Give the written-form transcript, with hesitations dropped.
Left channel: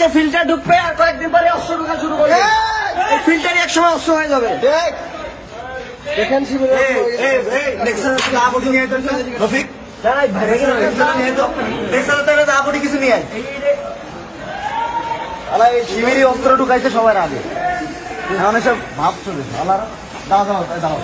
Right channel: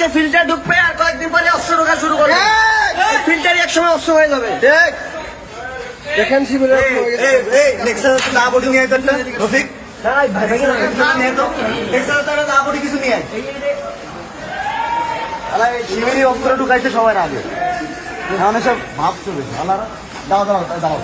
আজকে ফিল্টার ঢুকবে আর কয়েকদিন পরে অস্ত্র ঢোকা শুরু করবে। ফিল্টারই একসময় অস্ত্র হয়ে যাবে। দেখেন কি বলে না বডি নিয়ে রফিক কিছু নিয়ে শিবিরই অস্ত্র ঢুকাইছে সবার আগে। সব ভাবছিল আল্লাহ দাও দাও দাও